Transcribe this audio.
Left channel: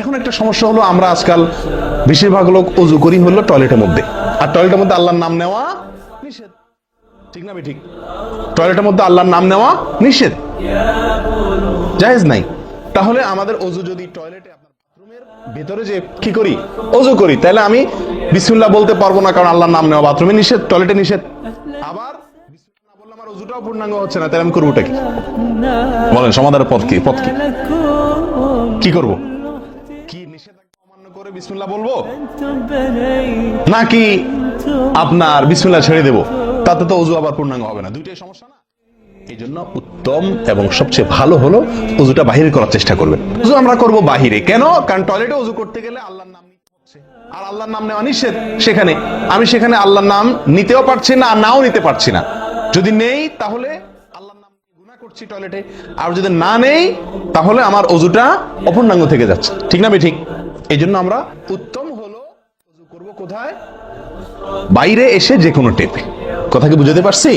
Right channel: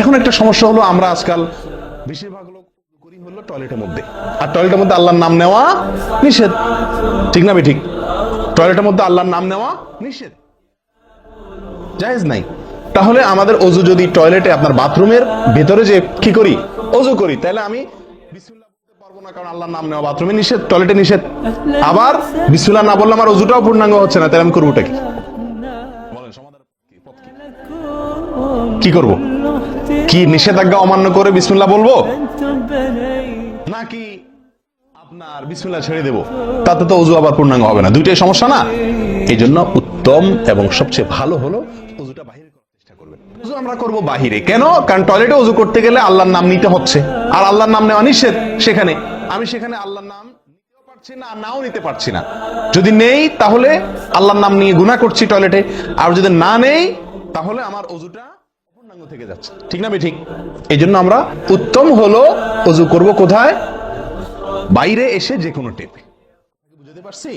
এখন একটা সমস্যা হলো, আমরা আজকাল বেশিরভাগ লোক অজু করি হলো টয়লেটের মধ্যে, আর টয়লেটের মধ্যে আল্লাহর নাম নেওয়া নিষেধ, ঠিক না ঠিক? টয়লেটের মধ্যে আল্লাহর নাম নেওয়া নিষেধ, জায়েজ নাই। তাহলে আমাদের অজু যদি টয়লেটে, আপনার বাথরুমের ভেতরে যে কি করি, অজু করি, তাহলে আমি বিসমিল্লাহ বলতে পারবো না, কারণ আল্লাহর নাম নেওয়া বাথরুমে নিষেধ, টয়লেটে নিষেধ। আবার বিসমিল্লাহ না বললে আমার অজুটাও পূর্ণাঙ্গ হচ্ছে না, তাহলে আমি করবোটা কি? বলেন, সমাধানের পথ কি? কি করব? কি নিষেধাজ্ঞা অমান্য করে বিসমিল্লাহ বলবো, নাকি আপনার বিসমিল্লাহ ছেড়ে দেবো? তাতে তো অজু আবার পূর্ণাঙ্গ হবে না, দুইটাই সমস্যা না? এই জন্য উত্তম এবং সবচেয়ে ভালো হলো অজুটা বাহিরে করার চেষ্টা করবেন। অজু আমরা করব বাহিরে। কেন? কারণ টয়লেটে অজু করতে গেলে আল্লাহর নাম নিতে হচ্ছে, আর আল্লাহর নাম নেওয়া নিষেধ। সেখানে আমি আল্লাহর নাম নিতেও পারছি না, আর নাও নিতে পারছি না। যদি নেই তাহলে আল্লাহর নাম নিয়ে গুনাহ করছি টয়লেটে, আর যদি না নেই তাহলে আমার অজুটা অপূর্ণাঙ্গ থেকে যাচ্ছে, ঠিক না ঠিক? এই জন্য আমরা উত্তম হলো অজু করব কোথায়? বাইরে এসে যে কোনো টেপে। কথা কি বুঝাতে পারছি?